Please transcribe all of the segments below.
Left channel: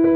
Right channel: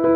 Hi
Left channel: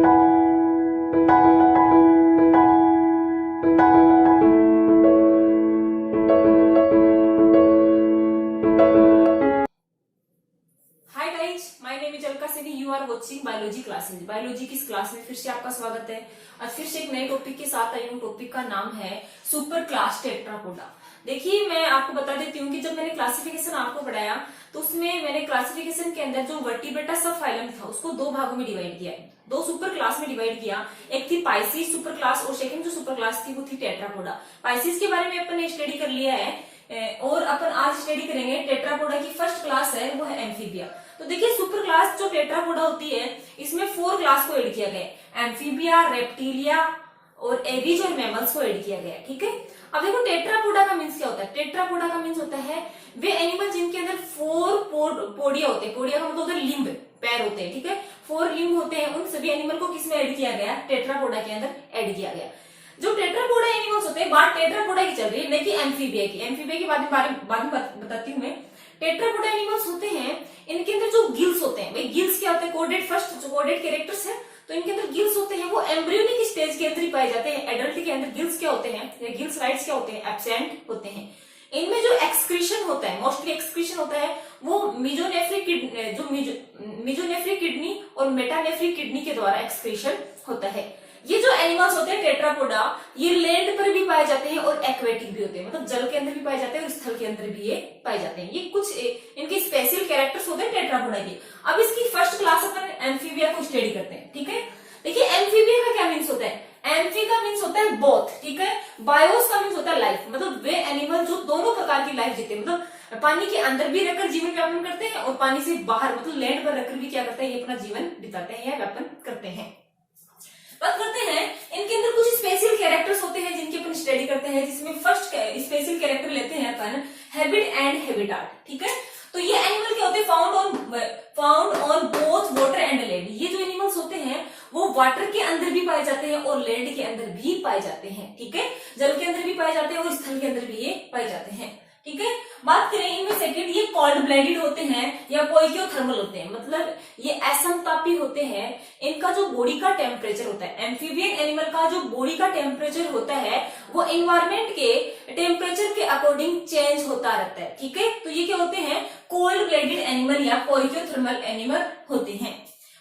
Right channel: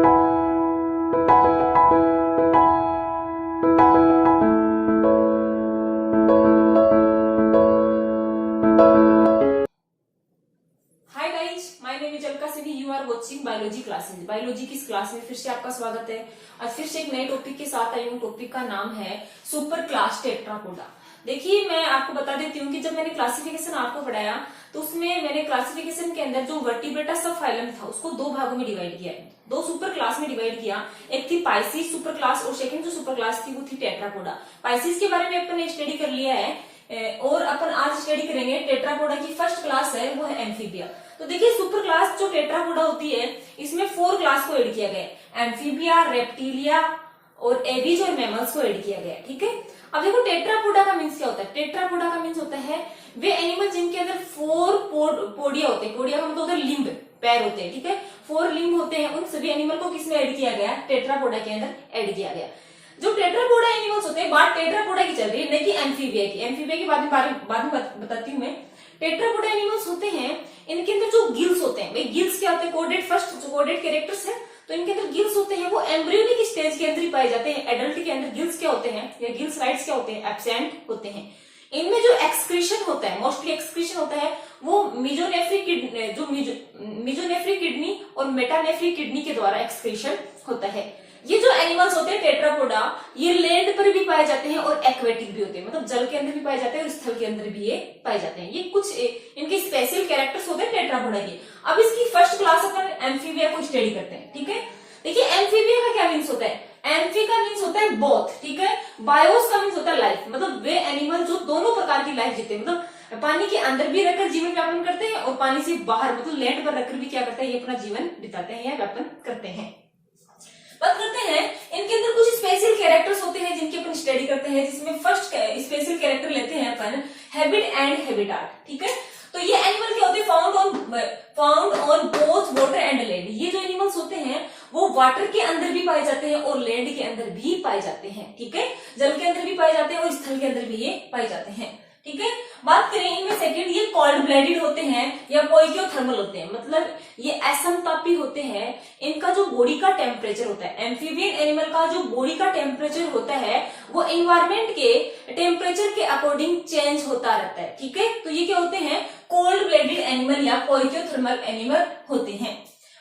guys, my name is Alka Singh. You are watching biology classes. Biology की इस class में फिर से आपका स्वागत है। आज फिर से एक नए टॉपिक के साथ आई हूँ। टॉपिक का नाम है सुपर क्लास टेट्रापोडा। देखिए, मैं आपको बता देती हूँ कि जब मैंने क्लासिफिकेशन आपको पढ़ाया तो उसमें मैंने क्लासिफिकेशन के अंदर जो वर्टिब्रेटा सब फाइलम था उसको दो भागों में डिवाइड किया है, दो सुपर क्लास में डिवाइड किया। एक थी पाइसिस सुपर क्लास और सेकंड जो सुपर क्लास थी वो थी टेट्रापोडा। पाइसिस के बारे में अपन ने स्टडी कर लिया है और अपन आज स्टडी करेंगे टेट्रापोडा की फर्स्ट क्लास है, वो है एम्फीबिया। तो देखिए, सुपर क्लास जो टेट्रापोडा होती है इसमें 4 क्लास को ऐड किया गया है, एम्फीबिया, रेप्टिलिया और एबीज और मैमल्स को ऐड किया गया है। ठीक है, अब देखो टेट्रापोडा का मीन्स क्या होता है। टेट्रापोडा का मीन्स होता है वे एनिमल जिनके अंदर 4 पोडिया होते हैं। पोडिया का मतलब होता है लिम्ब, पैर होते हैं। ठीक है, 4 लिम्ब होते हैं। उन सभी एनिमल को किसमें ऐड किया गया? टेट्रापोडा के अंदर ऐड किया गया। जो टेट्रापोडा एनिमल्स होते हैं, बात टेट्रापोडा की चल रही है, नहीं कि एम्फीबिया की। एम्फीबिया के बाद में बताती हूँ मैं। टेट्रापोडा एनिमल्स होते हैं, इनके अंदर जो गिल्स होते हैं, भाई गिल्स क्या होते हैं? कोडेड, फर्स्ट जो कोडेड कैरेक्टर्स है, तो इनके अंदर गिल्स होते हैं, वो एम्ब्रियोनिक स्टेज के अंदर ही पाए जाते हैं। एडल्ट के अंदर गिल्स क्या होते हैं या गिल्स राइट्स क्या होते हैं? एब्सेंट होते हैं। इनमें जो एक्सक्रीशन होता है, मोस्टली एक्सक्रीशन होता है, वो मिजोनेफ्रिक किडनी और मेटानेफ्रिक किडनी के द्वारा एक्सक्रीशन होता है। ये जो एनिमल्स होते हैं टेट्रापोडा, ये लैंड पर भी पाए जाते हैं और एक्वेटिक भी होते हैं, मतलब जल के अंदर भी पाए जाते हैं और स्थल के अंदर भी ये पाए जाते हैं। ये कुछ इनके स्पेशल कैरेक्टर्स होते हैं टेट्रापोडा के। अब इसकी फर्स्ट क्लास अपन एम्फीबिया को स्टडी करते हैं। ठीक है, देखिए एम्फीबिया का क्या मीन्स होता है? एम्फी का मीन्स होता है बोथ। ठीक है, बायोस का मीन्स होता है लाइफ, मतलब वे एनिमल जो दोनों प्रकार की लाइफ जीते हैं, मतलब पानी के अंदर भी रहकर जीवन यापन करते हैं और पानी से बाहर मतलब लैंड पर रहकर भी क्या करते हैं? ये अपना जीवन बिताते हैं या व्यापन करते हैं। बात करते हैं इनके अंदर कुछ स्पेशल कैरेक्टर्स होते हैं जिनकी अपन स्टडी करते हैं, जिसमें फर्स्ट स्पेशल कैरेक्टर लेते हैं अपन हैबिट एंड हैबिटाट। ठीक है, तो ये एनिमल क्या होते हैं? Found on both water and land. ये जो एनिमल्स होते हैं वो वाटर के अंदर भी पाए जाते हैं और लैंड के अंदर भी पाए जाते हैं। ठीक है, जल के अंदर भी पाए जाते हैं और स्थल के अंदर भी ये पाए जाते हैं। ठीक है, बात करें इनमें सेकंड, ये कोल्ड ब्लडेड होते हैं या पोइकियोथर्मल होते हैं, मतलब ये असमतापी होते हैं। इनका जो बॉडी का टेम्परेचर होता है, एम्फीबियन एनिमल का जो बॉडी का टेम्परेचर होता है वो एनवायरमेंट के टेम्परेचर के अकॉर्डिंग चेंज होता रहता है। ठीक है, तो ये क्या होते हैं? कोल्ड ब्लडेड एनिमल या पोइकियोथर्मल एनिमल होते हैं।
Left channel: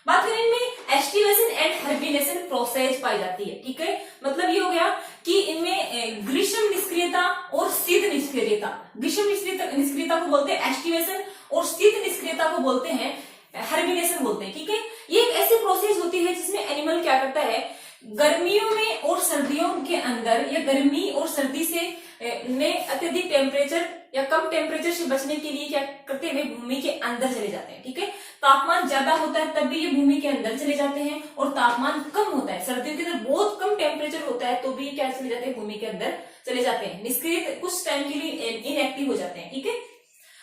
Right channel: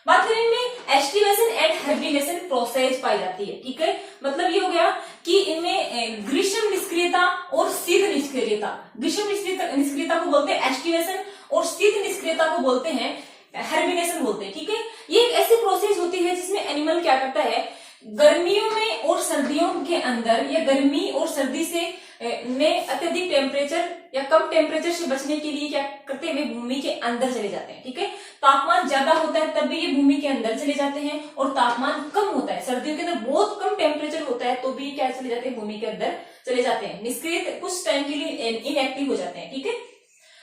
बात करें इनमें एस्टिवेशन एंड हर्बिनेशन प्रोसेस पाई जाती है। ठीक है, मतलब ये हो गया कि इनमें ग्रीष्म निष्क्रियता और शीत निष्क्रियता। ग्रीष्म निष्क्रियता को बोलते हैं एस्टिवेशन और शीत निष्क्रियता को बोलते हैं हर्बिनेशन बोलते हैं। ठीक है, ये एक ऐसी प्रोसेस होती है जिसमें एनिमल क्या करता है, गर्मियों में और सर्दियों के अंदर या गर्मी और सर्दी से में अत्यधिक टेम्परेचर या कम टेम्परेचर से बचने के लिए क्या करते हैं? वे भूमि के अंदर चले जाते हैं। ठीक है, तापमान ज्यादा होता है तब भी ये भूमि के अंदर चले जाते हैं, और तापमान कम होता है, सर्दियों के अंदर बहुत कम टेम्परेचर होता है तो भी क्या चले जाते हैं? भूमि के अंदर चले जाते हैं, निष्क्रिय कुछ टाइम के लिए इनएक्टिव हो जाते हैं। ठीक है,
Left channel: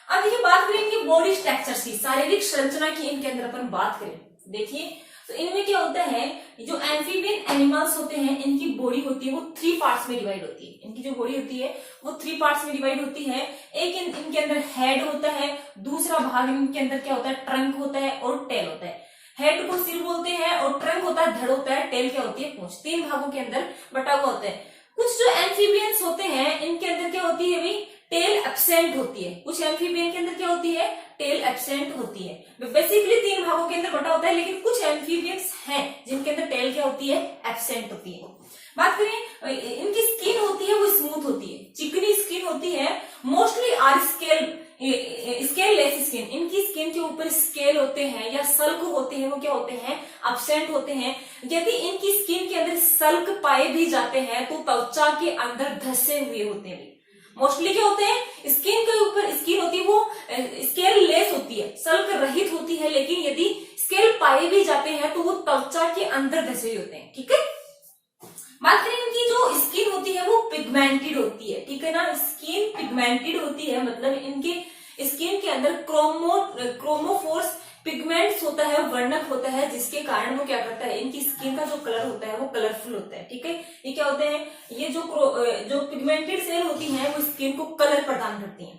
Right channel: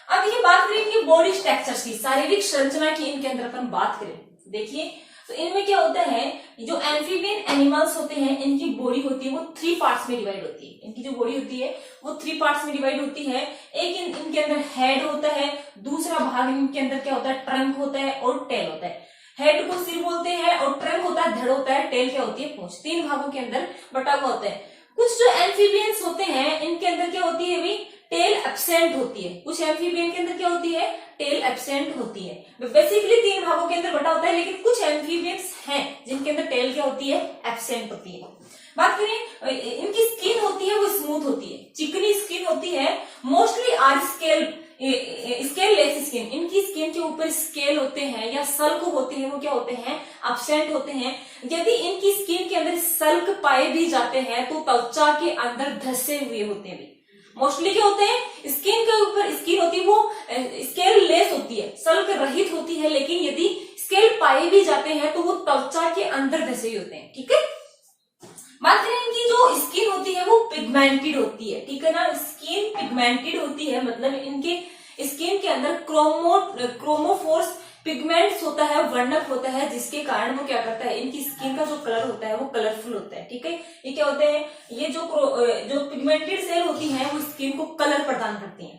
अब ये बात करें इनकी बॉडी स्ट्रक्चर की, शारीरिक संरचना की इनके अंदर अपन बात करें। देखिए, तो इनमें क्या होता है, जो एम्फीबियन एनिमल्स होते हैं इनकी बॉडी होती है वो 3 पार्ट्स में डिवाइड होती है। इनकी जो बॉडी होती है वो 3 पार्ट्स में डिवाइड होती है। एक इनके अंदर हेड होता है, दूसरा भाग इनके अंदर क्या होता है? ट्रंक होता है और टेल होता है। हेड को सिर बोलते हैं और ट्रंक होता है धड़ होता है, टेल क्या होती है? पूंछ। 3 भागों के अंदर बटा हुआ होता है। कुछ जो एम्फीबियंस होते हैं इनके अंदर क्या होती है भाई? टेल एब्सेंट होती है। कुछ एम्फीबियन के अंदर क्या होती है? टेल एब्सेंट होती है। बेसिकली 3 भागों के अंदर बटा होता है, लेकिन कुछ एम्फीबियंस हैं जिनके अंदर टेल क्या होती है? एब्सेंट होती है। बात करें इनकी स्किन होती है वो स्मूथ होती है, चिकनी स्किन होती है। Mostly are scaleless skin. इनकी स्किन के ऊपर स्केल होते हैं या सल्क होते हैं, वो क्या होते हैं? एब्सेंट होते हैं। यदि इनकी स्किन के अंदर सल्क पाए भी जाते हैं तो त्वचा के अंदर धसे हुए होते हैं। मोस्टली क्या होते हैं? स्किन के ऊपर स्किन होती है वो स्केल लेस होती है, सल्क रहित होती है, लेकिन यदि स्केल पाए भी जाते हैं तो वो त्वचा के अंदर धसे हुए होते हैं। ठीक है, बात करें इनकी जो स्किन होती है वो पिगमेंटेड होती है। ठीक है ना, स्किन पिगमेंटेड होती है, मतलब इनके स्किन के अंदर क्रोमोफोर्स पिगमेंट्स होता है, वर्णक होता है, जिसके कारण वो क्या करता है? इनकी स्किन का जो कलर होता है वो कलरफुल होता है। ठीक है, ये क्या होते हैं? ये जो पिगमेंटेड सेल होती है वो स्किन को कलर प्रदान करती हैं।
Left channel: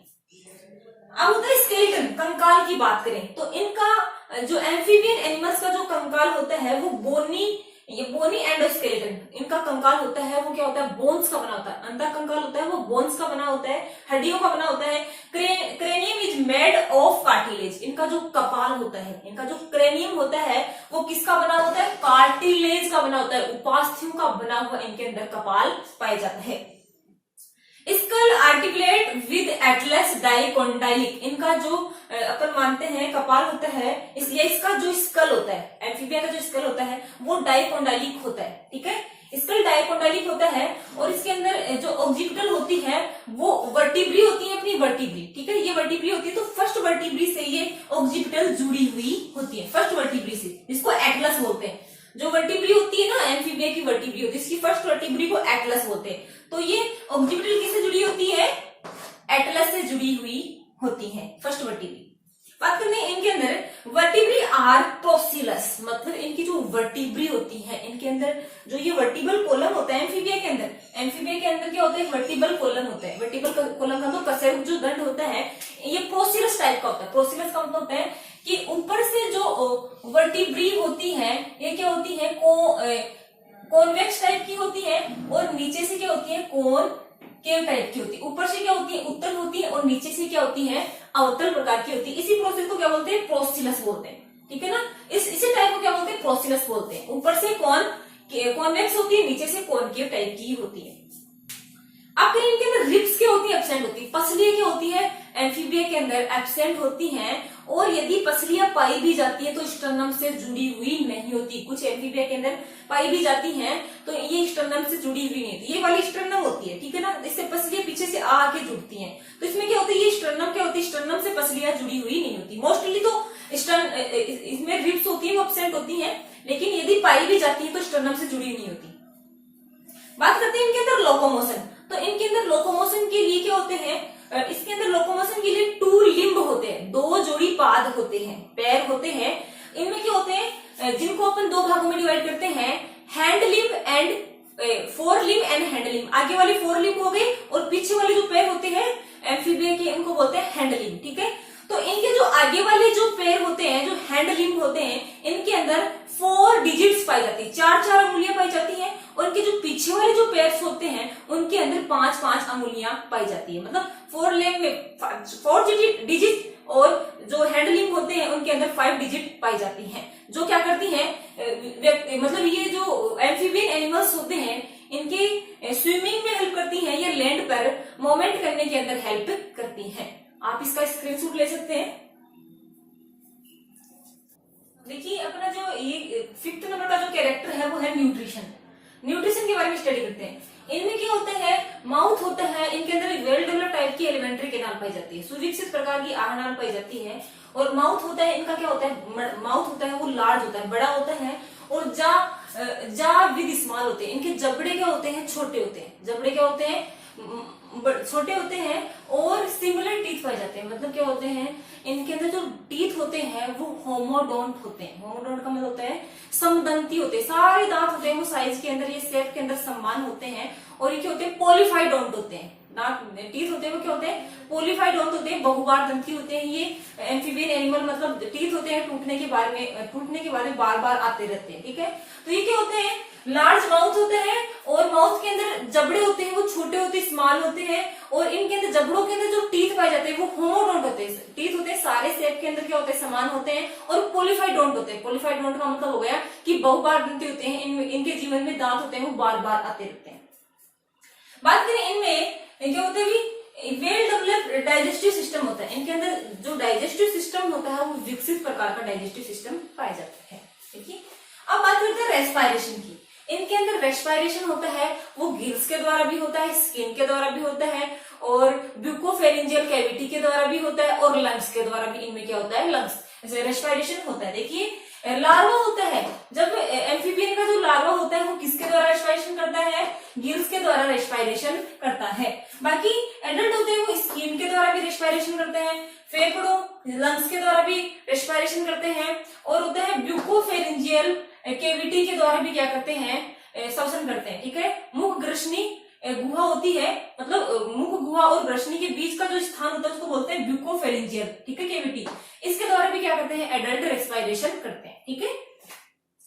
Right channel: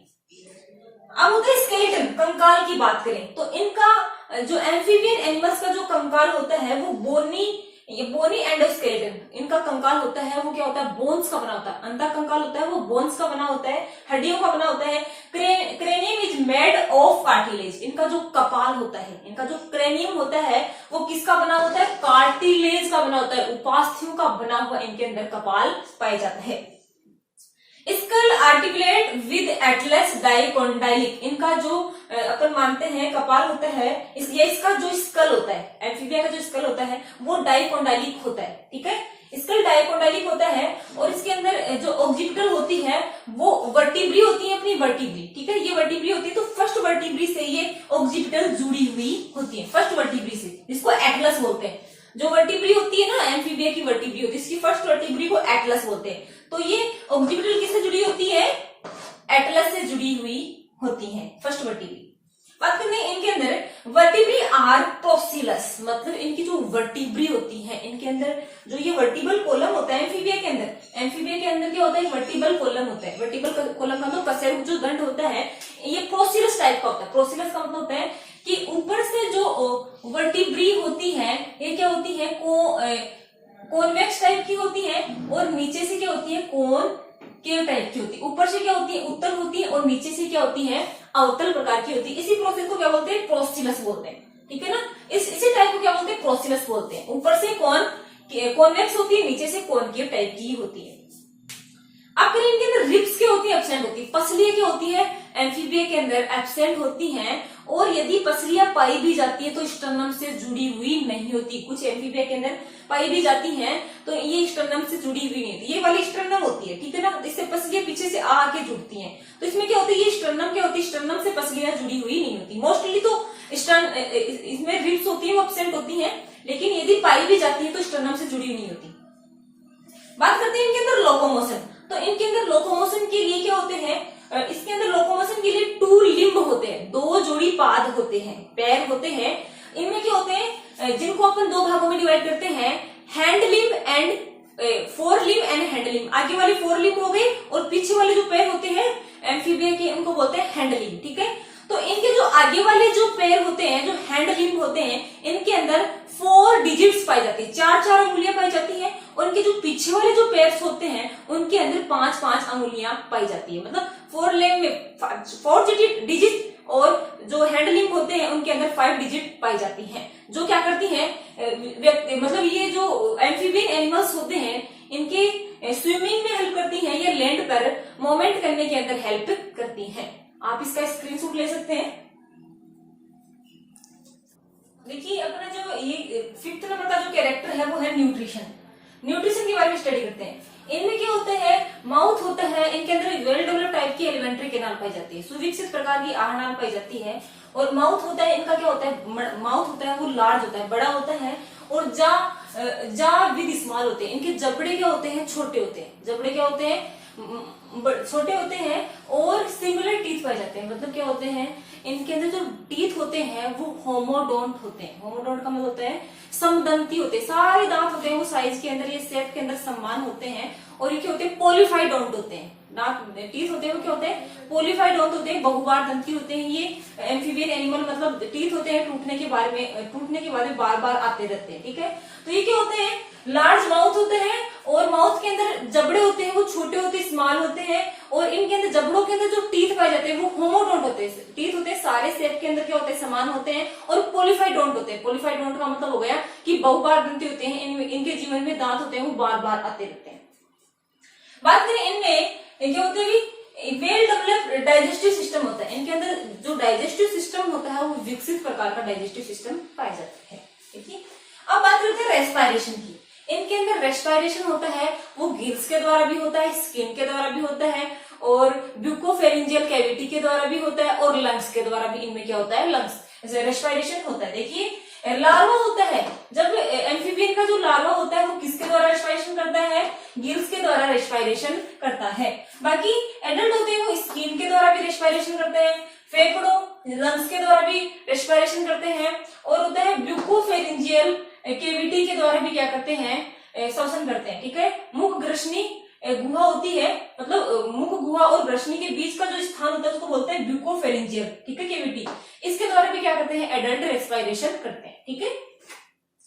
अब होता है स्केलेटन, कंकाल की बात करें तो इनका जो एम्फीबियन एनिमल्स का जो कंकाल होता है वो बोनी एंडोस्केलेटन, इनका कंकाल होता है वो क्या होता है, बोन्स का बना होता है। अंदर कंकाल होता है वो बोन्स का बना होता है, हड्डियों का बना होता है। Cranium is made of cartilage, इनका जो कपाल होता है, इनका जो क्रेनियम होता है वो किसका बना होता है, कार्टिलेज का बना होता है। उपास्थियों का बना हुआ इनके अंदर कपाल पाया जाता है। Skull articulate with atlas dicondylic, इनका जो अपन मानते हैं कपाल होता है, इसलिए इसका जो स्कल होता है, एम्फीबिया का जो स्कल होता है वो डाइकोंडाइलिक होता है। ठीक है, स्कल डाइकोंडाइलिक होता है और इसके अंदर जो ऑक्सीपिटल होती है वो वर्टिब्री होती है, अपनी वर्टिब्री। ठीक है, ये वर्टिब्री होती है, तो फर्स्ट वर्टिब्री से ये ऑक्सीपिटल जुड़ी हुई होती है, फर्स्ट वर्टिब्री से, जिसको एटलस बोलते हैं। जो वर्टिब्री होती है ना, एम्फीबिया की वर्टिब्री होती है, इसकी फर्स्ट वर्टिब्री को एटलस बोलते हैं। तो ये ऑक्सीपिटल किससे जुड़ी होती है, एटलस से जुड़ी हुई होती है फर्स्ट वर्टिब्री। बात करते हैं इनके अंदर वर्टिब्री आर प्रोसिलस, मतलब इनकी जो वर्टिब्री होती है, इनके अंदर जो ये वर्टिबल कॉलम होता है एम्फीबिया के अंदर क्या होता है, वर्टिबल कॉलम होता है। वर्टिबल कॉलम का तो कशेरुक जो दंड होता है ये प्रोसिलस टाइप का होता है। प्रोसिलस का मतलब होता है कि ऊपर से जो वर्टिब्री होती है ये क्या होती है, कॉन्वेक्स टाइप की होती है और नीचे से क्या होती है, कॉनकेव टाइप की होती है। ऊपर से क्या होती है, उत्तल होती है और नीचे से क्या होती है, अवतल प्रकार की होती है। इसी प्रोसेस को क्या बोलते हैं, प्रोसिलस बोलते हैं। ठीक है ना, इसी टाइप को क्या बोलते हैं, प्रोसिलस बोलते हैं। ऊपर से कॉन्वेक्स होती है, नीचे से कॉनकेव टाइप की होती है। अब करें इनके अंदर रिब्स क्या होती है, एब्सेंट होती है। पसलियां क्या होती है, एम्फीबिया के अंदर एब्सेंट होती हैं, और यदि पसलियां पाई भी जाती है तो स्टर्नम से जुड़ी हुई नहीं होती। कुछ एम्फीबिया के अंदर पाई भी जाती हैं तो ये स्टर्नम से जुड़ी हुई नहीं होती, ये वाली स्टर्नम होती है। ठीक है ना, इससे पसलियां पीछे से आके जुड़ती हैं, तो इसमें क्या होती है, ये स्टर्नम क्या होती है, स्टर्नम से पसलियां जुड़ी हुई नहीं होती। मोस्टली तो इसमें रिब्स होती है वो एब्सेंट होती है, लेकिन यदि पाई भी जाती है तो स्टर्नम से जुड़ी नहीं होती। बात करते हैं इनके अंदर लोकोमोशन। तो इनके अंदर लोकोमोशन के लिए क्या होते हैं, इसके अंदर लोकोमोशन के लिए 2 लिम्ब होते हैं, 2 जोड़ी पाद होते हैं, पैर होते हैं। इनमें क्या होते हैं, जिनको अपन 2 भागों में डिवाइड करते हैं, hand limb and four limb and hand limb. आगे वाले 4 लिम्ब हो गए और पीछे वाले जो पैर होते हैं एम्फीबिया के, उनको बोलते हैं हैंड लिम्ब। ठीक है, तो इनके जो आगे वाले जो पैर होते हैं, जो हैंड लिम्ब होते हैं, इनके अंदर 4 डिजिट्स पाई जाती है, 4 अंगुलियां पाई जाती हैं। और इनके जो पीछे वाले जो पैर्स होते हैं उनके अंदर 5 अंगुलियां पाई जाती है। मतलब 4 लिम्ब में 4 डिजिट, और जो हैंड लिम्ब होते हैं उनके अंदर 5 डिजिट पाई जाती हैं, जो क्या करती हैं, मतलब ये जो एम्फीबियन एनिमल्स होते हैं इनके स्विमिंग में हेल्प करती हैं, या लैंड पर मूवमेंट करने के अंदर हेल्प करती हैं। आप इसका स्क्रीनशॉट ले सकते हैं। देखिए अपना जो ये 5th नंबर का जो कैरेक्टर है वो है न्यूट्रिशन। न्यूट्रिशन के बारे में स्टडी करते हैं। इनमें क्या होता है, माउथ होता है, इनके अंदर वेल डेवलप टाइप की एलिमेंट्री कैनाल पाई जाती है, सुविकसित प्रकार की आहार नाल पाई जाती है। और माउथ होता है, इनका क्या होता है, माउथ होता है वो लार्ज होता है, बड़ा होता है। और जा विद स्मॉल होते हैं। इनके जबड़े क्या होते हैं, छोटे होते हैं। जबड़े क्या होते हैं, छोटे होते हैं। और सिमिलर टीथ पाए जाते हैं, मतलब क्या होते हैं, इनके अंदर जो टीथ होते हैं वो होमोडोंट होते हैं। होमोडोंट का मतलब होता है समदंती होते हैं, सारे दांत होते हैं वो साइज के अंदर, ये शेप के अंदर समान होते हैं। और ये क्या होते हैं, पॉलीफाइडोंट होते हैं। दांत टीथ होते हैं वो क्या होते हैं, पॉलीफाइडोंट होते हैं, बहुबार दंती होते हैं। ये एम्फीबियन एनिमल, मतलब टीथ होते हैं, टूटने के बाद में बार बार आते रहते हैं। ठीक है, तो ये क्या होते हैं, लार्ज माउथ होते हैं, और माउथ के अंदर जबड़े होते हैं वो छोटे होते हैं, स्मॉल होते हैं। और इनके अंदर जबड़ों के अंदर जो टीथ पाए जाते हैं वो होमोडोंट होते हैं। टीथ होते हैं सारे शेप के अंदर क्या होते हैं, समान होते हैं। और पॉलीफाइडोंट होते हैं। पॉलीफाइडोंट का मतलब हो गया कि बहुबार दंती होते हैं, इनके जीवन में दांत होते हैं वो बार बार आते रहते हैं। बात करें इनमें क्या होता है, वेल डेवलप्ड डाइजेस्टिव सिस्टम होता है। इनके अंदर जो डाइजेस्टिव सिस्टम होता है वो विकसित प्रकार का डाइजेस्टिव सिस्टम पाया जाता है। देखिए अब बात करते हैं रेस्पिरेशन की। इनके अंदर रेस्पिरेशन होता है वो गिल्स के द्वारा भी होता है, स्किन के द्वारा भी होता है, और ब्यूकोफेरिंजियल कैविटी के द्वारा भी होता है, और लंग्स के द्वारा भी इनमें क्या होता है, लंग्स रेस्पिरेशन होता है। देखिए लार्वा होता है, जब एम्फीबियन का जो लार्वा होता है वो किसके द्वारा रेस्पिरेशन करता है, गिल्स के द्वारा रेस्पिरेशन करता है। बाकी एडल्ट होते हैं वो स्किन के द्वारा भी रेस्पिरेशन करते हैं, फेफड़ों लंग्स के द्वारा भी रेस्पिरेशन करते हैं, और होता है ब्यूकोफेरिंजियल कैविटी के द्वारा भी क्या करते हैं, श्वसन करते हैं। ठीक है, मुख ग्रसनी गुहा होती है, मतलब मुख गुहा और ब्रशनी के बीच का जो स्थान होता है उसको बोलते हैं ब्यूकोफेरेंजियल, ठीक है, कैविटी। इसके द्वारा भी क्या करते हैं, एडल्ट रेस्पिरेशन करते हैं, ठीक है।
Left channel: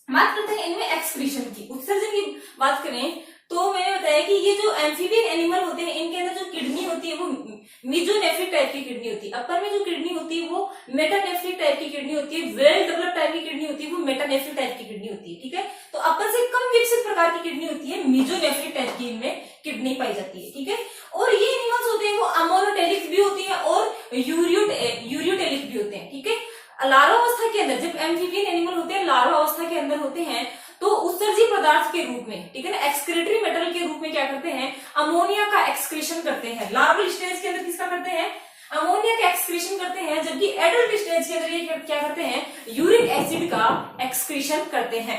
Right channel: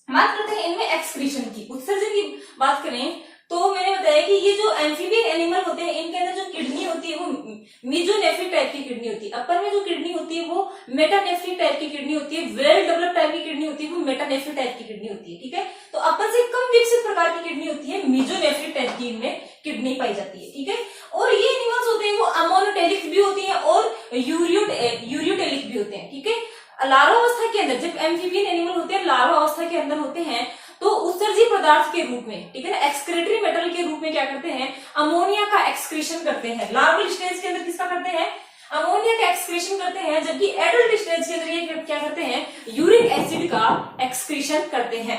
बात करते हैं इनमें एक्सक्रीशन की, उत्सर्जन की बात करें तो मैंने बताया कि ये जो एम्फीबियन एनिमल होते हैं इनके अंदर जो किडनी होती है वो मीजोनेफ्रिक टाइप की किडनी होती है। अपर में जो किडनी होती है वो मेटानेफ्रिक टाइप की किडनी होती है, वेल डेवलप टाइप की किडनी होती है वो मेटानेफ्रिक टाइप की किडनी होती है, ठीक है। तो अपर से कम विकसित प्रकार की किडनी होती है, मीजोनेफ्रिक टाइप की इनमें किडनी पाई जाती है, ठीक है। और ये एनिमल्स होते हैं वो अमोनोटेलिक भी होती है और यूरियोटेलिक भी होते हैं, ठीक है। लार्वावस्था के अंदर जब एम्फीबियन एनिमल होते हैं लार्वावस्था के अंदर होते हैं तो उत्सर्जी पदार्थ के रूप में, ठीक है ना, एक्सक्रीटरी मेटल के रूप में क्या करते हैं, अमोनिया का एक्सक्रीशन करते हैं। लार्वल स्टेज के अंदर किसका करते हैं, अमोनिया का एक्सक्रीशन करते हैं, जबकि एडल्ट स्टेज के अंदर ये क्या करते हैं, यूरिक एसिड का एक्सक्रीशन करते हैं।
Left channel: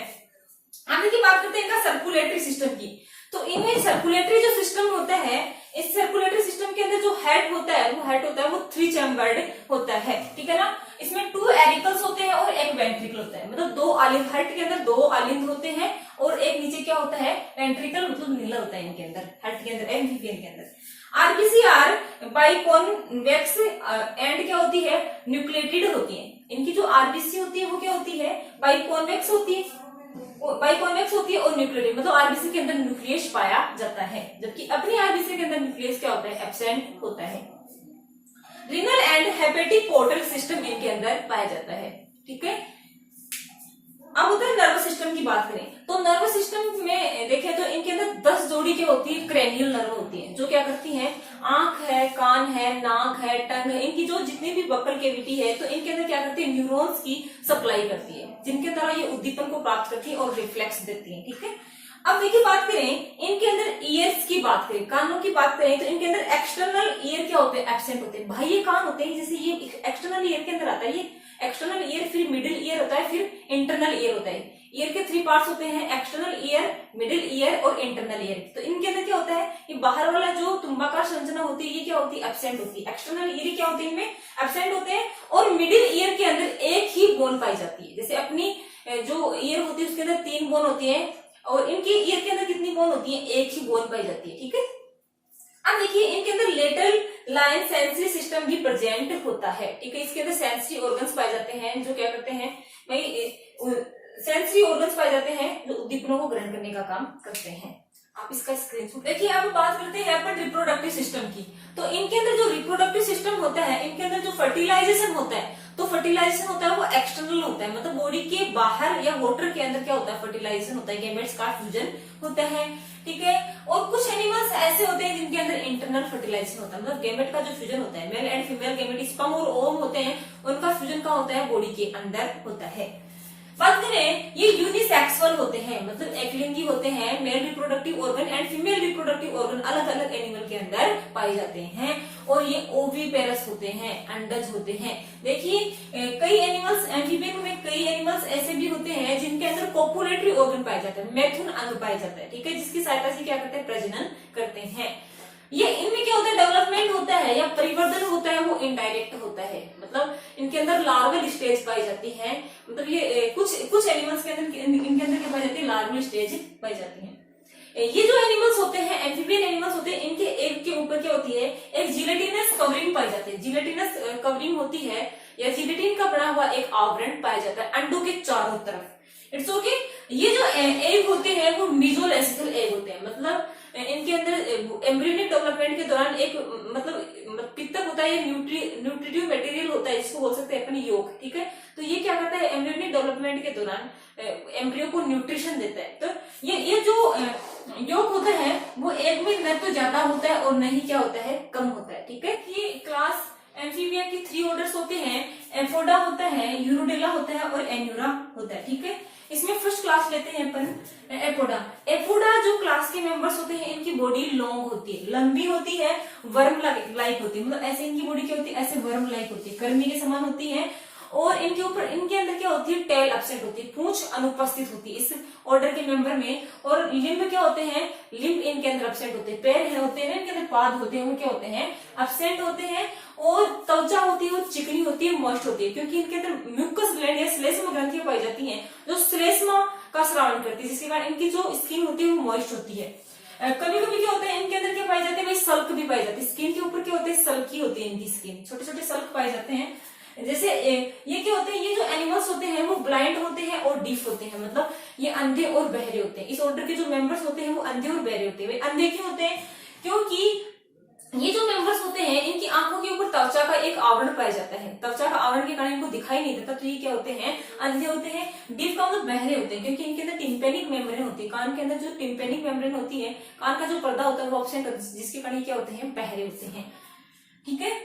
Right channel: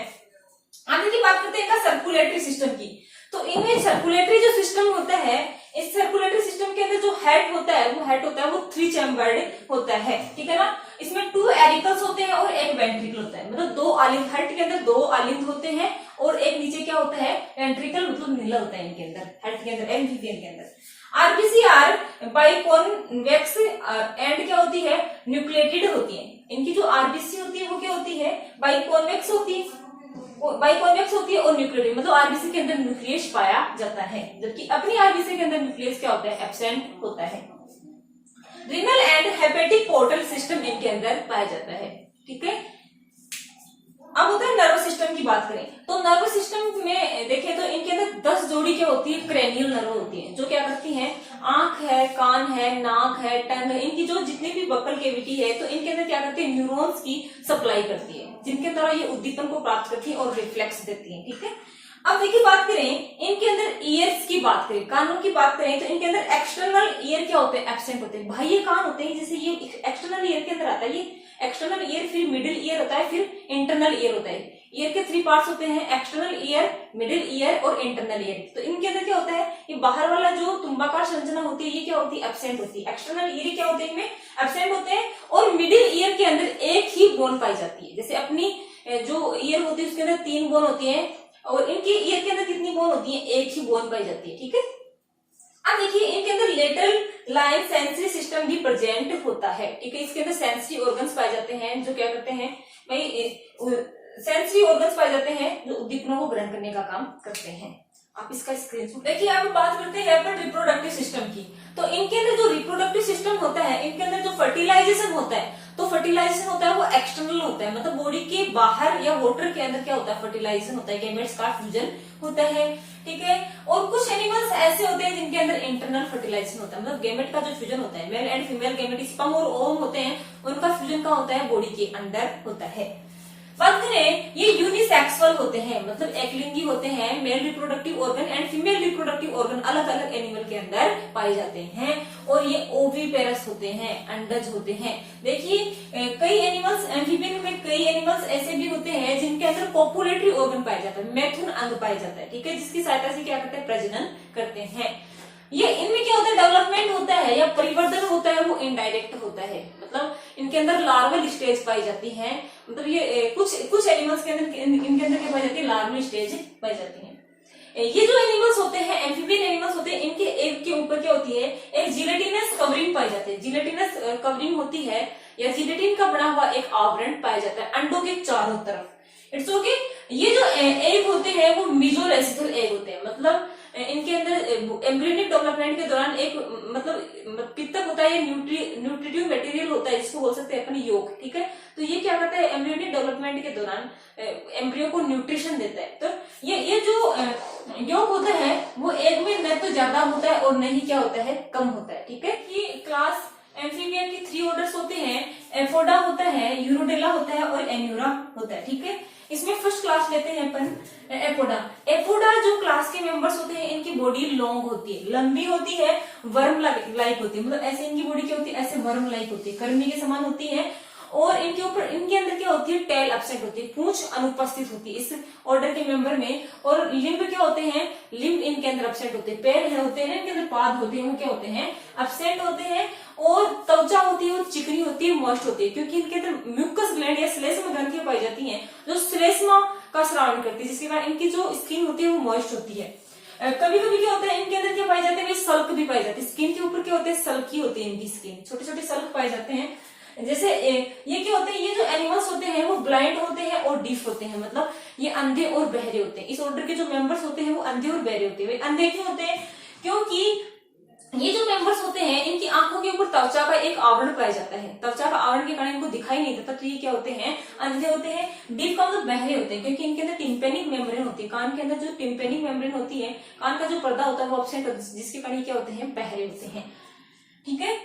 आगे की बात करते हैं इनका सर्कुलेटरी सिस्टम की। तो इनमें सर्कुलेटरी जो सिस्टम होता है, इस सर्कुलेटरी सिस्टम के अंदर जो हेड होता है वो 3 चैम्बर्ड होता है, ठीक है ना। इसमें 2 एरिकल्स होते हैं और एक वेंट्रिकल होता है, मतलब 2 आलिंद, हेड के अंदर 2 आलिंद होते हैं और एक नीचे क्या होता है, वेंट्रिकल, मतलब नीला होता है इनके अंदर, हेड के अंदर, एम्फीबियन के अंदर। आरबीसीआर बाइकॉन्वेक्स एंड क्या होती है, न्यूक्लिएटेड होती है। इनकी जो आरबीसी होती है वो क्या होती है, बाइकॉन्वेक्स होती है, बाइकॉन्वेक्स होती है और न्यूक्लियस, मतलब आरबीसी के अंदर न्यूक्लियस पाया जाता है, जबकि अपनी आरबीसी के अंदर न्यूक्लियस क्या होता है, एब्सेंट होता है। Renal and hepatic portal system इनके अंदर पाया जाता है, ठीक है। अब होता है नर्वस सिस्टम की बात करें तो नर्वस सिस्टम में देखें तो इनके अंदर 10 जोड़ी क्या होती है, क्रेनियल नर्व होती है, जो क्या करती हैं, आंख है, कान है, नाक है, टंग है, इनकी जो जितनी भी बकल कैविटी है तो इनके अंदर क्या करती है, न्यूरॉन्स की सप्लाई करती है, जिनके द्वारा ये उद्दीपन को प्राप्त करती है और रिफ्लेक्स देती है, ठीक है। अब देखिए बात करें इनके अंदर ईयर्स की बात करें, कानों की बात करें तो इनके अंदर एक्सटर्नल ईयर क्या होते हैं, एब्सेंट होते हैं। बाह्य कान होते हैं, जैसे ये एक्सटर्नल ईयर के अंदर आता है, ये एक्सटर्नल ईयर, फिर मिडिल ईयर होता है, फिर इंटरनल ईयर होता है। ईयर के 3 पार्ट्स होते हैं, एक्सटर्नल ईयर, मिडिल ईयर और इंटरनल ईयर। तो इनके अंदर क्या होता है, ये बाहर वाला जो तुम्बाकार संरचना होती है ये क्या होती है, एब्सेंट होती है। एक्सटर्नल ईयर क्या होते हैं, इनमें एब्सेंट होते हैं। और मिडिल ईयर के अंदर एक ही बोन पाई जाती है, जैसे अपनी जो ईयर होती है उसके अंदर 3 बोन होती है और इनकी ईयर के अंदर कितनी बोन होती है, एक ही बोन पाई जाती है, ठीक है। अब देखिए इनके अंदर लेटरल लाइन सेंसरी सिस्टम भी प्रेजेंट होता है, ठीक है। इसके अंदर सेंसरी ऑर्गन्स पाए जाते हैं जो क्या करते हैं भाई, सेंसरी ऑर्गन्स पाए जाते हैं जो उद्दीपनों को ग्रहण करने का काम करते हैं। आप इसका स्क्रीनशॉट देखिए। अब बात करते हैं अपन रिप्रोडक्टिव सिस्टम की। तो इनके अंदर जो रिप्रोडक्टिव सिस्टम होता है, इनके अंदर जो फर्टिलाइजेशन होता है, तो फर्टिलाइजेशन होता है वो एक्सटर्नल होता है, मतलब बॉडी के बाहर या वॉटर के अंदर क्या होता है, फर्टिलाइजेशन होता है, गैमेट्स का फ्यूजन होता है, ठीक है। और कुछ एनिमल्स ऐसे होते हैं जिनके अंदर इंटरनल फर्टिलाइजेशन होता है, मतलब गैमेट का जो फ्यूजन होता है, male and female gamete, sperm और ओवम होते हैं, उनका फ्यूजन का होता है बॉडी के अंदर होता है। बात करें ये यूनिसेक्सुअल होते हैं, मतलब एकलिंगी होते हैं। Male reproductive organ and female reproductive organ अलग अलग एनिमल के अंदर पाए जाते हैं और ये ओविपेरस होते हैं, अंडज होते हैं। देखिए कई एनिमल्स, एम्फीबियन में कई एनिमल्स ऐसे भी होते हैं जिनके अंदर कोपुलेटरी ऑर्गन पाया जाता है, मैथुन अंग पाया जाता है, ठीक है, जिसकी सहायता से क्या करते हैं, प्रजनन करते हैं। ये इनमें क्या होता है, डेवलपमेंट होता है या परिवर्तन होता है वो इनडायरेक्ट होता है, मतलब इनके अंदर लार्वल स्टेज पाई जाती है, मतलब ये कुछ एनिमल्स के अंदर इनके अंदर क्या पाई जाती है, लार्वल स्टेज पाई जाती है। ये जो एनिमल्स होते हैं, एम्फीबियन एनिमल्स होते हैं, इनके एक के ऊपर क्या होती है, एक जिलेटिनस कवरिंग पाई जाती है, जिलेटिनस कवरिंग होती है या जिलेटिन का बना हुआ एक आवरण पाया जाता है अंडों के चारों तरफ। It's okay. ये जो एग होते हैं वो मीजोलेसिकल एग होते हैं, मतलब इनके अंदर एम्ब्रियोनिक डेवलपमेंट के दौरान एक मतलब पित्तक होता है, ये न्यूट्रिटिव मटेरियल होता है, इसको बोल सकते हैं अपन योग, ठीक है। तो ये क्या करता है, एम्ब्रियोनिक डेवलपमेंट के दौरान एम्ब्रियो को न्यूट्रिशन देता है। तो ये जो योग होता है वो एग में न तो ज्यादा होता है और न ही क्या होता है, कम होता है, ठीक है। ये क्लास एम्फीबिया की 3 ऑर्डर्स होते हैं, एफोडा होता है, यूरोडेला होता है और एन्यूरा होता है, ठीक है। इसमें फर्स्ट क्लास लेते हैं अपन एपोडा। एपोडा जो क्लास के मेंबर्स होते हैं, इनकी बॉडी लॉन्ग होती है, लंबी होती है, वर्म लाइक होती है, मतलब ऐसे इनकी बॉडी क्या होती है, ऐसे वर्म लाइक होती है, कर्मी के समान होती है। और इनके ऊपर, इनके अंदर क्या होती है, टेल एब्सेंट होती है, पूंछ अनुपस्थित होती है इस ऑर्डर के मेंबर में। और लिम्ब क्या होते हैं, लिम्ब इनके अंदर एब्सेंट होते हैं, पैर होते हैं, इनके अंदर पाद होते हैं, वो क्या होते हैं, एब्सेंट होते हैं। और त्वचा होती है और चिकनी होती है, मॉइस्ट होती है, क्योंकि इनके अंदर म्यूकस ग्लैंड या श्लेष्मा ग्रंथियां पाई जाती हैं जो श्लेष्मा का सराउंड करती है, जिसके कारण इनकी जो स्किन होती है वो मॉइस्ट होती है। कभी कभी क्या होता है इनके अंदर क्या पाए जाते हैं, सल्क भी पाई जाती है। स्किन के ऊपर क्या होते हैं, सल्की होती है इनकी स्किन, छोटे छोटे सल्क पाए जाते हैं। जैसे ये क्या होते हैं, ये जो एनिमल्स होते हैं वो ब्लाइंड होते हैं और डीफ होते हैं, मतलब ये अंधे और बहरे होते हैं। इस ऑर्डर के जो मेंबर्स होते हैं वो अंधे और बहरे होते हैं। अंधे क्यों होते हैं, क्योंकि ये जो मेंबर्स होते हैं इनकी आंखों के ऊपर त्वचा का एक आवरण पाया जाता है, त्वचा का आवरण के कारण इनको दिखाई नहीं देता, तो ये क्या होते हैं, अंधे होते हैं। डीफ का मतलब बहरे होते हैं, क्योंकि इनके अंदर टिम्पेनिक मेम्ब्रेन होती है, कान के अंदर जो टिम्पेनिक मेम्ब्रेन होती है, कान का जो पर्दा होता है वो एब्सेंट होता है, जिसके कारण क्या होते हैं, बहरे होते हैं। ठीक है,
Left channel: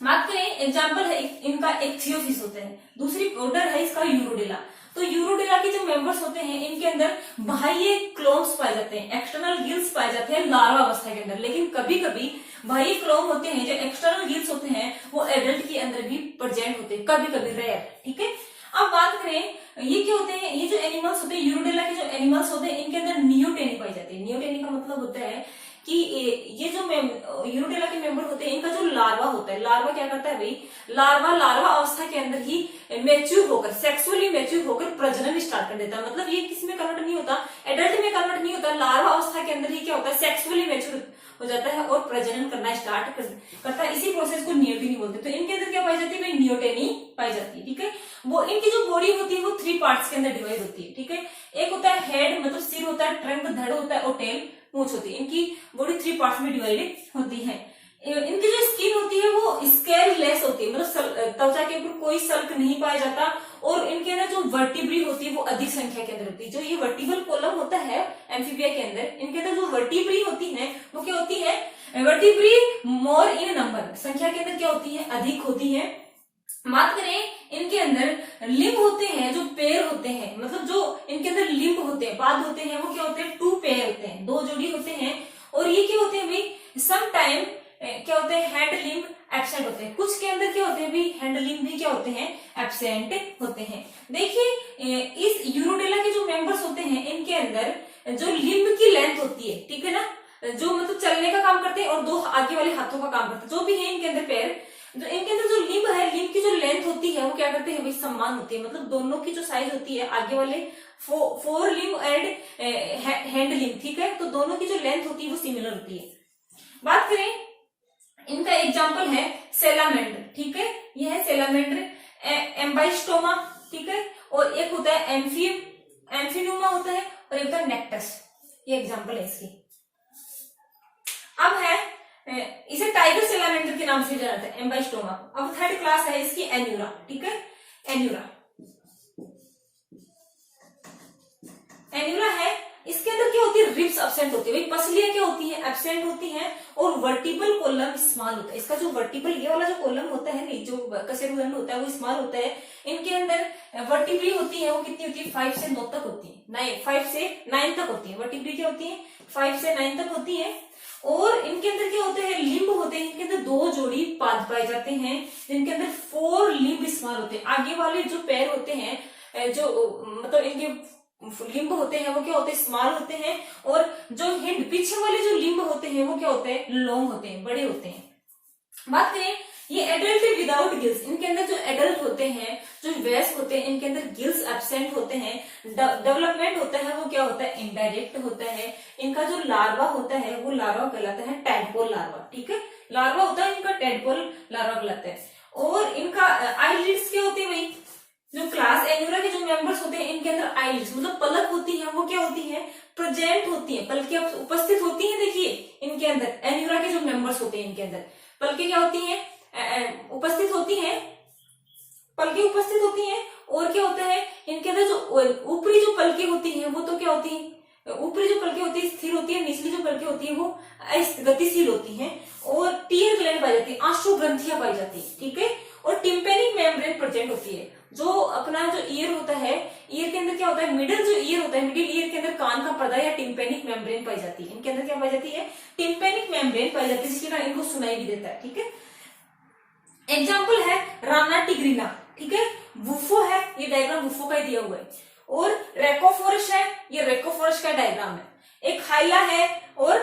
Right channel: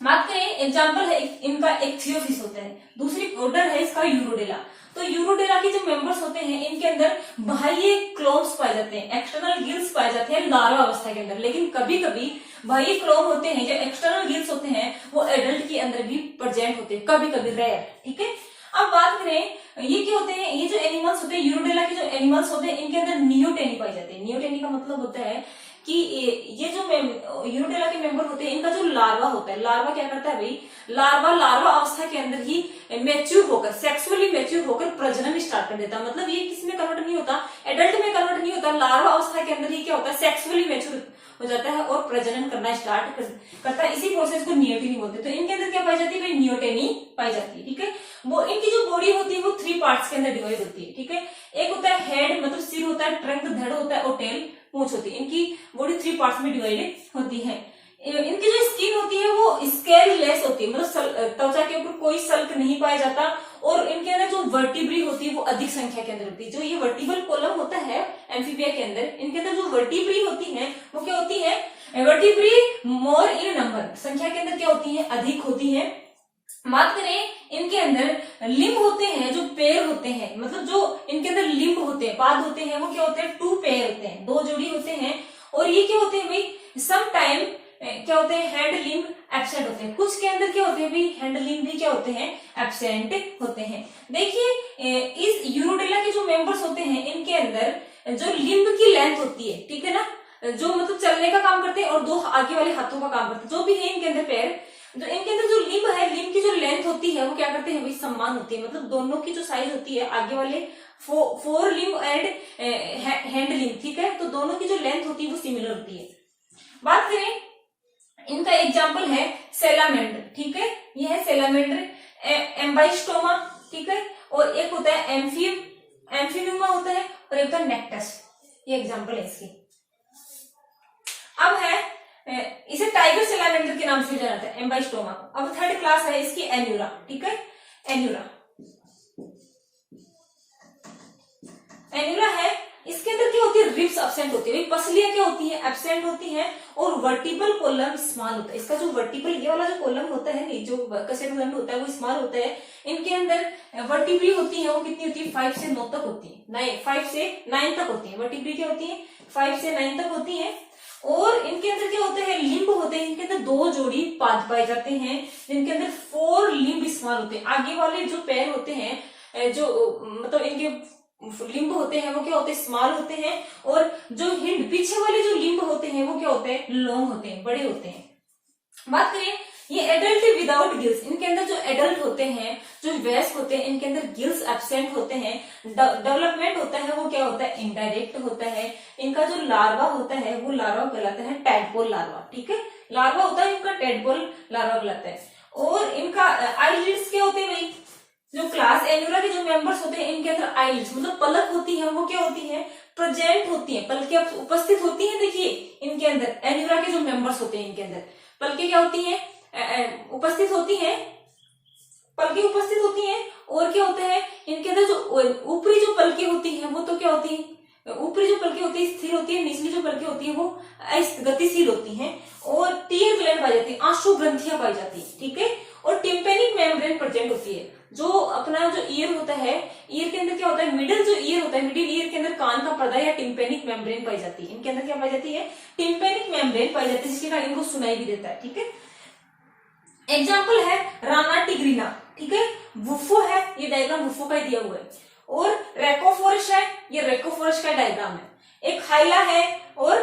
बात करें एग्जाम्पल है इनका, एक थियोफिस होता है, दूसरी ऑर्डर है इसका यूरोडेला। तो यूरोडेला के जो मेंबर्स होते हैं इनके अंदर बाह्य क्लोम्स पाए जाते हैं, एक्सटर्नल गिल्स पाए जाते हैं लार्वा अवस्था के अंदर, लेकिन कभी कभी बाह्य क्लोम होते हैं, जो एक्सटर्नल गिल्स होते हैं वो एडल्ट के अंदर भी प्रेजेंट होते हैं, कभी कभी रेयर। ठीक है, अब बात करें ये क्या होते हैं, ये जो एनिमल्स होते हैं यूरोडेला के जो एनिमल्स होते हैं इनके अंदर नियोटेनी पाई जाती है। नियोटेनी का मतलब होता है कि ये जो यूरोडेला के मेंबर होते हैं इनका जो लार्वा होता है, लार्वा क्या करता है भाई, लार्वा अवस्था के अंदर ही मैच्योर होकर, सेक्सुअली मैच्योर होकर प्रजनन स्टार्ट कर देता है। मतलब ये किसी में कन्वर्ट नहीं होता, एडल्ट में कन्वर्ट नहीं होता, लार्वा अवस्था के अंदर ही क्या होता है, सेक्सुअली मैच्योर हो जाता है और प्रजनन करना स्टार्ट करता है। इसी प्रोसेस को नियोटेनी बोलते हैं। तो इनके अंदर क्या पाई जाती है भाई, नियोटेनी पाई जाती है। ठीक है, वो इनकी जो बॉडी होती है वो 3 पार्ट्स के अंदर डिवाइड होती है। ठीक है, एक होता है हेड, मतलब सिर होता है, ट्रंक धड़ होता है और टेल पूंछ होती है। इनकी बॉडी 3 पार्ट्स में डिवाइडेड होती है। इनकी जो स्किन होती है वो स्केल लेस होती है, मतलब त्वचा के ऊपर कोई सल्क नहीं पाया जाता, और इनके अंदर जो वर्टिब्री होती है वो अधिक संख्या के अंदर होती है। जो ये वर्टिबल कॉलम होता है एम्फीबिया के अंदर, इनके अंदर जो वर्टिब्री होती है वो क्या होती है, वर्टिब्री मोर इन नंबर, संख्या के अंदर क्या होती है, अधिक होती है। बात करें इनके अंदर लिम्ब होते हैं, जो पैर होते हैं, मतलब जो इनके अंदर लिम्ब होते हैं, पाद होते हैं, वो क्या होते हैं, 2 पेयर होते हैं, 2 जोड़ी होते हैं। और ये क्या होते हैं भाई, सम टाइम क्या होते हैं, हैंड लिम्ब एब्सेंट होते हैं। कुछ के अंदर क्या होते हैं भी, हैंड लिम्ब भी क्या होते हैं, एब्सेंट होते हैं। देखिए इस यूरोडेला के जो मेंबर्स होते हैं इनके अंदर जो लिम्ब की लेंथ होती है, ठीक है ना, जो मतलब चलने का काम करते हैं और 2 आगे वाले हाथों का काम करते हैं, जो भी है इनके अंदर पैर, जो इनके अंदर जो लिम्ब है, लिम्ब की जो लेंथ होती है वो क्या करते हैं भाई, समान होती है। मतलब दोनों की जो साइज होती है, आगे वाले 4 लिम्ब एंड हैंड लिम्ब, ठीक है, तो दोनों की जो लेंथ होती है वो सिमिलर होती है। बात करें इनका एग्जाम्पल है सेलामेंडर। ठीक है, ये है सेलामेंडर, एम्बाइस्टोमा, ठीक है, और एक होता है एम्फिनुमा होता है, और एक होता है नेक्टस। ये एग्जाम्पल है इसकी। अब है इसे टाइगर सेलामेंडर के नाम से जाना जाता है, एम्बाइस्टोमा को। अब 3rd क्लास है इसकी एन्यूरा। ठीक है, एन्यूरा है, इसके अंदर क्या होती है, रिब्स एब्सेंट होती है, भाई पसलियां क्या होती है, एब्सेंट होती हैं, और वर्टिबल कॉलम स्मॉल होता है। इसका जो वर्टिबल ये वाला जो कॉलम होता है नहीं, जो कशेरुदंड होता है वो स्मॉल होता है। इनके अंदर वर्टिब्री होती है, वो कितनी होती है, 5 से 9 तक होती है, 5 से 9 तक होती है। वर्टिब्री क्या होती है, 5 से 9 तक होती है। और इनके अंदर क्या होते हैं, लिम्ब होते हैं, इनके अंदर 2 जोड़ी पाद पाए जाते हैं, जिनके अंदर 4 लिम्ब स्मॉल होते हैं। आगे वाले जो पैर होते हैं, जो मतलब इनके लिम्ब होते हैं वो क्या होते हैं, स्मॉल होते हैं, और जो हिंड पीछे वाले जो लिम्ब होते हैं वो क्या होते हैं, लॉन्ग होते हैं, बड़े होते हैं। बात करें ये एडल्ट विदाउट गिल्स, इनके अंदर जो एडल्ट होते हैं, जो वयस्क होते हैं, इनके अंदर गिल्स एब्सेंट होते हैं। डेवलपमेंट होता है वो क्या होता है, इनडायरेक्ट होता है। इनका जो लार्वा होता है वो लार्वा कहलाता है टैडपोल लार्वा। ठीक है, लार्वा होता है इनका, टैडपोल लार्वा कहलाता है। और इनका आईलिड्स क्या होते हैं भाई, जो क्लास एन्यूरा के जो मेंबर्स होते हैं इनके अंदर आईलिड्स मतलब पलक होती है, वो क्या होती है, प्रेजेंट होती है, पलकें उपस्थित होती है। देखिए इनके अंदर एन्यूरा के जो मेंबर्स होते हैं इनके अंदर पलकें क्या होती हैं, उपस्थित होती हैं, पलकें उपस्थित होती हैं। और क्या होता है इनके अंदर जो ऊपरी जो पलकें होती हैं वो तो क्या होती है, ऊपरी जो पलकें होती है स्थिर होती है, निचली जो पलकें होती है वो गतिशील होती हैं। और टीयर ग्लैंड पाई जाती है, आंसू ग्रंथियां पाई जाती है। ठीक है, और टिम्पेनिक मेम्ब्रेन प्रेजेंट होती है। जो अपना जो ईयर होता है, ईयर के अंदर क्या होता है, मिडिल जो ईयर होता है, मिडिल ईयर के अंदर कान का पर्दा या टिम्पेनिक मेम्ब्रेन पाई जाती है। इनके अंदर क्या पाई जाती है, टिम्पेनिक मेम्ब्रेन पाई जाती है, जिसके कारण इनको सुनाई भी देता है। ठीक है, एग्जाम्पल है राना टिग्रिना। ठीक है, वुफो है, ये डायग्राम वुफो का ही दिया हुआ है। और रेकोफोरस है, ये रेकोफोरस का डायग्राम है। एक हाइला है और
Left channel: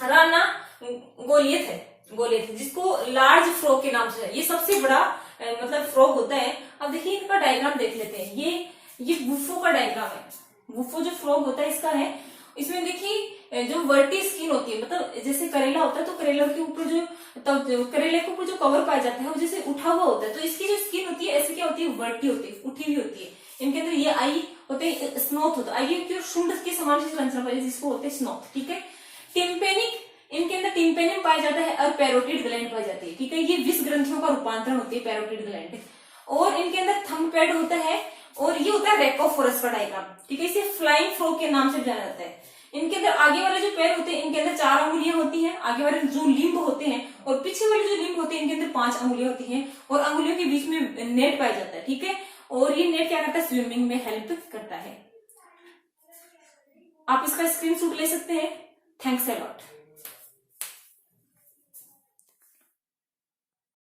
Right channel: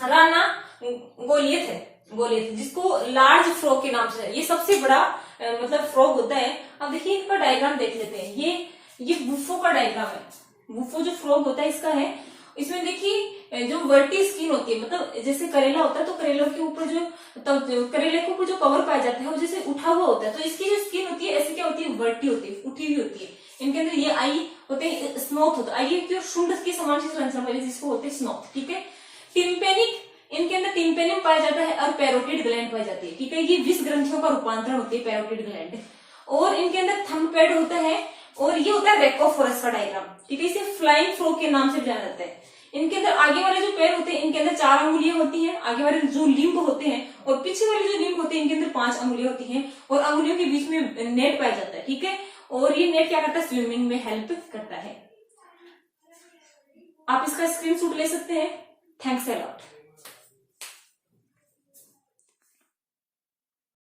राना गोलियत है, गोलियत जिसको लार्ज फ्रॉग के नाम से है। ये सबसे बड़ा मतलब फ्रॉग होता है। अब देखिए इनका डायग्राम देख लेते हैं। ये वुफो का डायग्राम है। वुफो जो फ्रॉग होता है इसका है, इसमें देखिए जो वर्टी स्किन होती है, मतलब जैसे करेला होता है तो करेला के ऊपर जो करेले के ऊपर जो कवर पाया जाता है वो जैसे उठा हुआ होता है, तो इसकी जो स्किन होती है ऐसी क्या होती है, वर्टी होती है, उठी हुई होती है। इनके अंदर ये आई होते हैं स्नोथ होता है, आई की और शुंड की समान संरचना जिसको होते हैं स्नोथ, ठीक है। टिम्पेनिक, इनके अंदर टिम्पेनियम पाया जाता है और पैरोटिड ग्लैंड पाई जाती है, ठीक है। ये विष ग्रंथियों का रूपांतरण होती है पैरोटिड ग्लैंड। और इनके अंदर थंब पैड होता है और ये होता है रेकोफोरस का डायग्राम, ठीक है। इसे फ्लाइंग फ्रॉग के नाम से जाना जाता है। इनके अंदर आगे वाले जो पैर होते हैं इनके अंदर 4 अंगुलियां होती हैं, आगे वाले जो लिम्ब होते हैं, और पीछे वाले जो लिम्ब होते हैं इनके अंदर 5 अंगुलियां होती हैं, और अंगुलियों के बीच में नेट पाया जाता है, ठीक है। और ये नेट क्या करता है, स्विमिंग में हेल्प करता है। आप इसका स्क्रीनशॉट ले सकते हैं। Thanks a lot.